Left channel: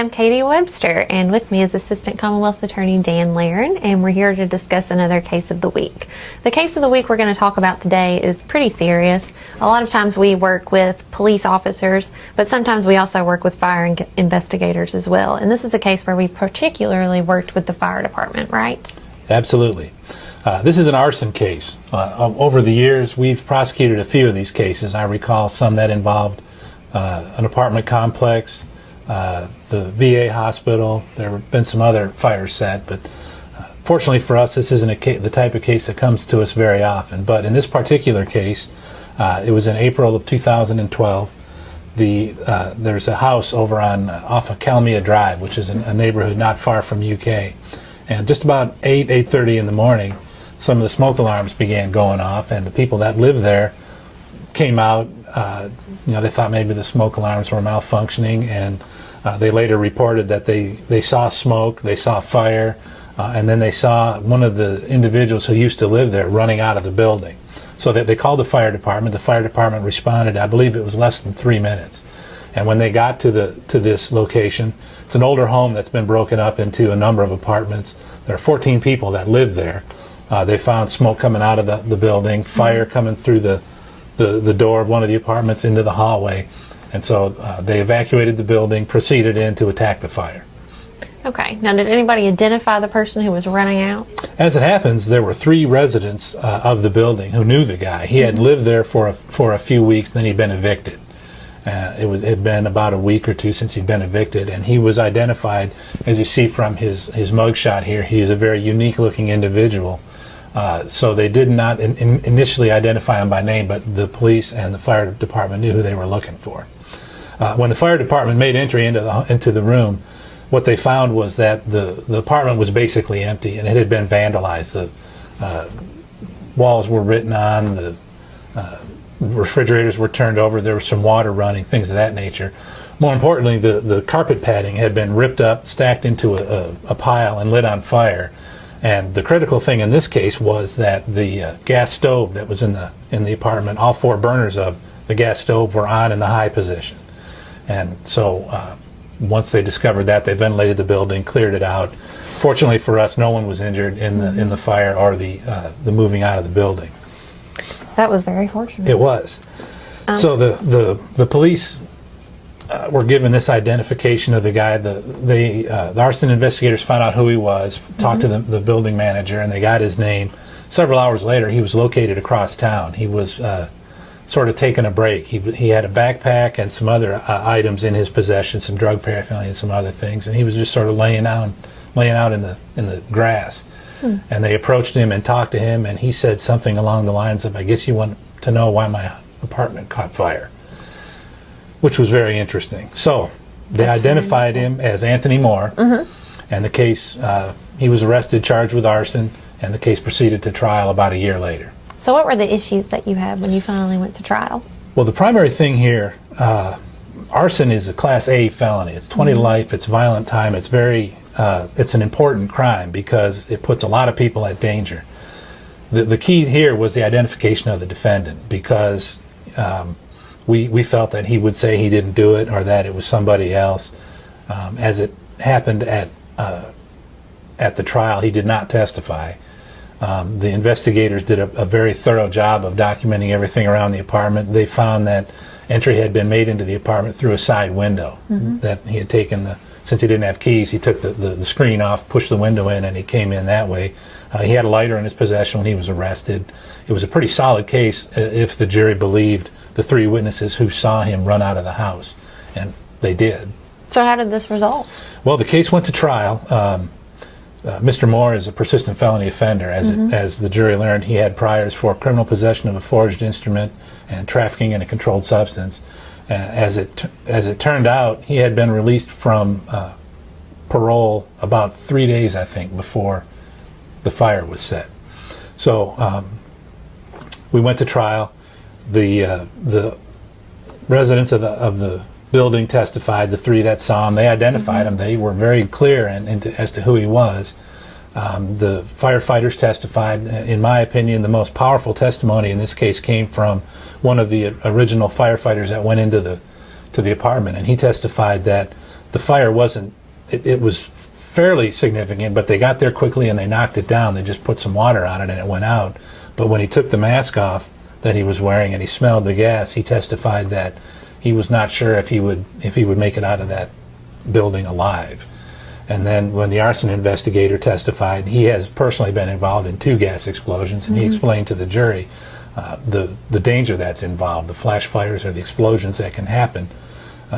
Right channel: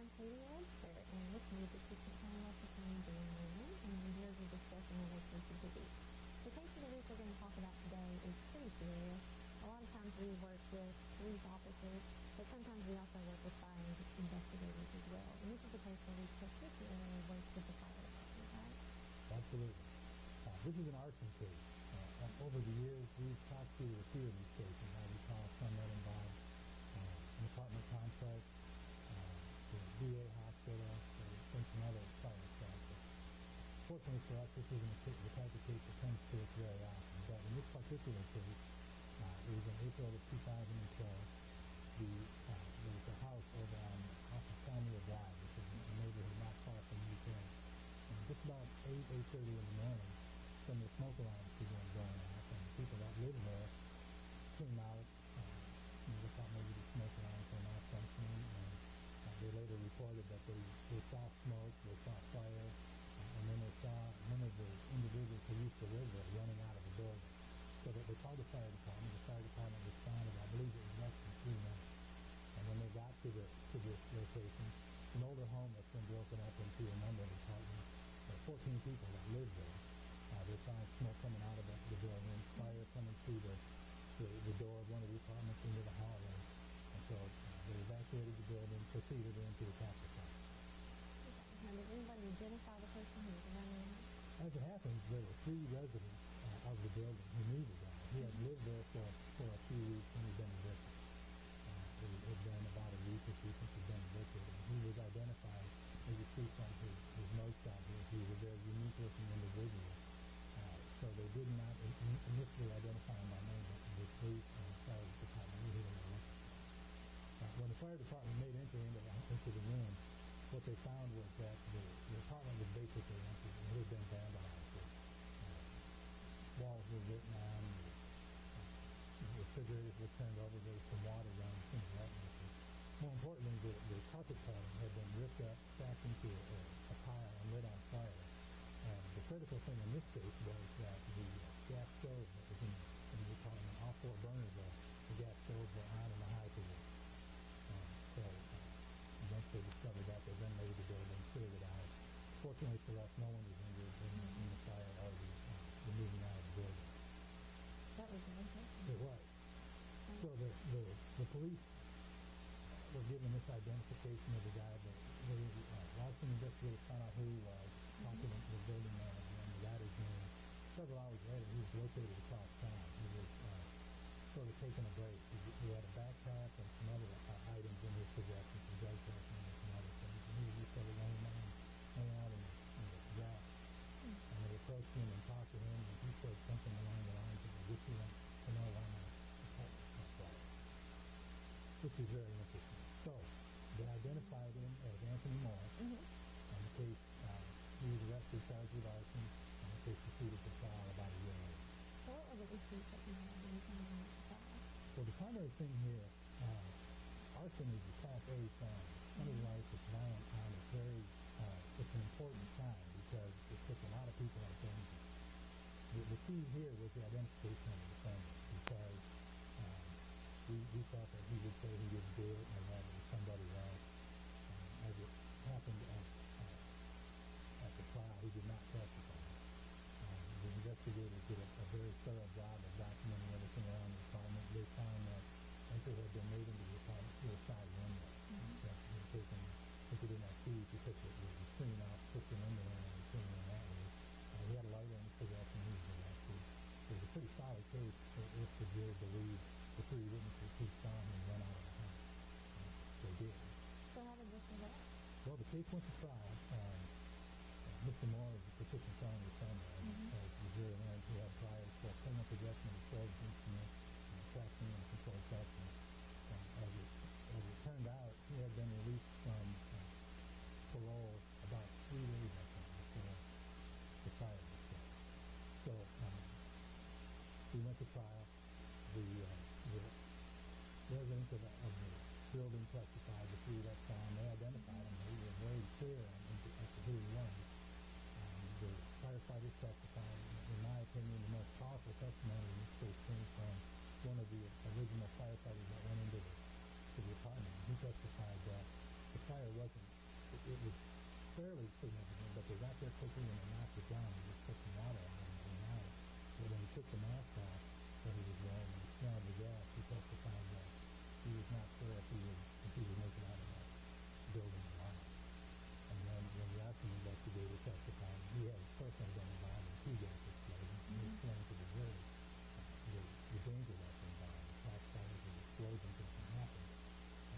I'm Katie Webster, and with me is Assistant Commonwealth Attorney Dan Laren, and we're here to discuss another case of the week. The case of the week we're going to talk about today is pretty serious. A lot of times we work with police officers, but sometimes we also work with fire investigators as well. And this is a case where we particularly worked with the fire department, right? Absolutely. This is an arson case. Over the years, we've prosecuted a few of these cases. I recall some that involved an apartment complex, the VA hospital. There have been some other fires set, but fortunately for us, this isn't the type of case that comes to us very often. But in this particular case, it was in April of 2012. There's a house over off of Calmia Drive, which is a neighborhood not far from UK. And just about 8:30 in the morning, some of the smoke alarms began going off, and the people that lived there came out. They thought maybe the smoke alarms were malfunctioning, and they later reported that they saw smoke, they saw fire, and then they saw one of the individuals who used to live there running out of the building. So they called the fire department. The fire department responded. I believe it was less than 3 minutes. And when they got to this location, it's an older home that's been broken up into a number of apartments. There are 14 people that live there. They found smoke coming out of the building, fire coming through the door of one of the apartments into the hallway. And so they evacuated the building, proceeded in to attack the fire. Okay. Now, did anybody identify the person who was running out? As it happens, there were 3 residents of the building who knew the guy. He had lived there for a few weeks, then he'd been evicted. It had been about a week or 2 since he'd been evicted, and he was identified, as you see from his mugshot here. He is a very unique-looking individual. So they did not initially identify him by name, but the police and the fire department knew who they were looking for. When the fire department made entry into the room, what they found was that the apartment was basically empty, and it had been vandalized. The walls were written on, the refrigerators were turned over, there was some water running, things of that nature. More importantly, the carpet padding had been ripped up, stacked into a pile, and lit on fire. And the critical thing in this case was that the gas stove that was in the apartment, all 4 burners of the gas stove were on in the high position. And so once they discovered that, they ventilated the building, cleared it out. Fortunately for us, no one was injured in the fire or the moving out of the building. That was very fortunate. It was. So the police were given this identification of the guy. The arson investigators found out who he was, talked to the building manager, and they got his name. Several hours later, he was located across town. He was sort of taking a break. He had a backpack and some other items in his possession, some drug paraphernalia and some other things, and he was just sort of laying out in the grass. And they approached him and talked to him, and he said something along the lines of, "I guess you want to know why my apartment caught fire," which was very interesting. So they identified him as Anthony Moore, and the case, he was arrested, charged with arson, and the case proceeded to trial about a year later. So what were the issues that you had when you finally went to trial? Well, the primary thing here, arson is a Class A felony. It's 20 to life, it's violent time, it's an important crime because it puts a lot of people at danger. The key here was the identification of the defendant, because we felt that he would say he didn't do it or that it was somebody else. As it happened at the trial, he did not testify. The investigators did a very thorough job of documenting everything around the apartment. They found that entry had been made into the apartment through a side window, that he had taken since he didn't have keys, he took the screen off, pushed the window in, and he came in that way. He had a lighter in his possession when he was arrested. It was a pretty solid case if the jury believed the 3 witnesses who saw him run out of the house, and they did. So how did this resolve? Well, the case went to trial. Mr. Moore is a persistent felony offender. As the jury learned, he had priors for criminal possession of a forged instrument and trafficking in a controlled substance. As it turned out, he had been released from parole about 3 days, I think, before the fire was set. So we went to trial. The residents of the building testified, the 3 that saw him. They identified him. They were very clear as to who he was. The firefighters testified. In my opinion, the most powerful testimony in this case came from one of the original firefighters that went into the apartment, and he testified that the fire wasn't, it was fairly significant, but they got there quickly and they knocked it down. They just put some water on it and it went out. But when he took the mask off that he was wearing and he smelled the gas, he testified that he was not sure if he would make it out of that building alive. And then when the arson investigator testified, he has personally been involved in 2 gas explosions, and he explained to the jury the danger that's involved, the flash fires or the explosions that can happen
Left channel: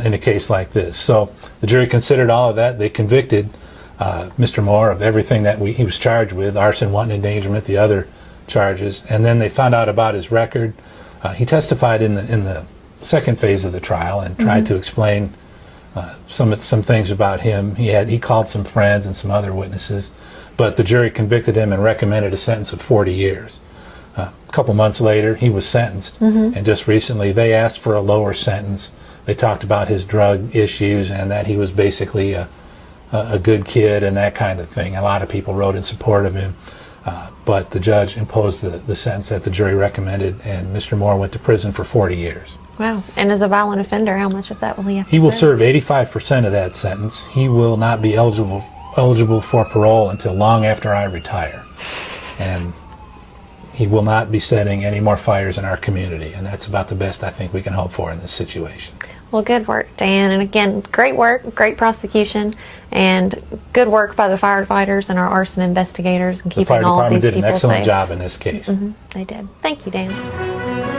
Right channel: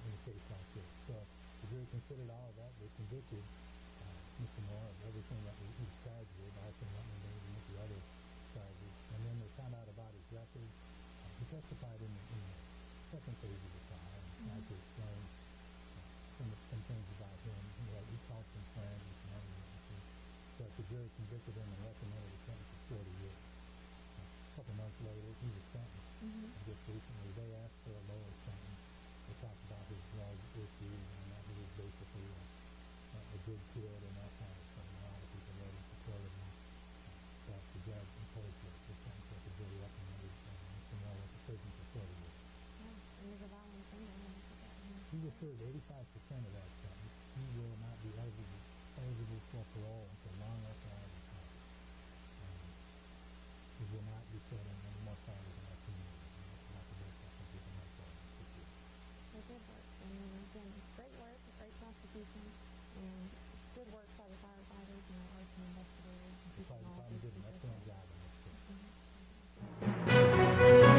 in a case like this. So the jury considered all of that. They convicted Mr. Moore of everything that he was charged with, arson, wanton endangerment, the other charges, and then they found out about his record. He testified in the second phase of the trial and tried to explain some things about him. He called some friends and some other witnesses, but the jury convicted him and recommended a sentence of 40 years. A couple months later, he was sentenced, and just recently they asked for a lower sentence. They talked about his drug issues and that he was basically a good kid and that kind of thing. A lot of people wrote in support of him, but the judge imposed the sentence that the jury recommended, and Mr. Moore went to prison for 40 years. Wow. And as a violent offender, how much of that will he have to He will serve? serve 85% of that sentence. He will not be eligible for parole until long after I retire. And he will not be setting any more fires in our community, and that's about the best I think we can hope for in this situation. Well, good work, Dan. And again, great work, great prosecution, and good work by the firefighters and our arson investigators and The fire keeping all of department these did an people excellent safe. job in this case. They did. Thank you, Dan.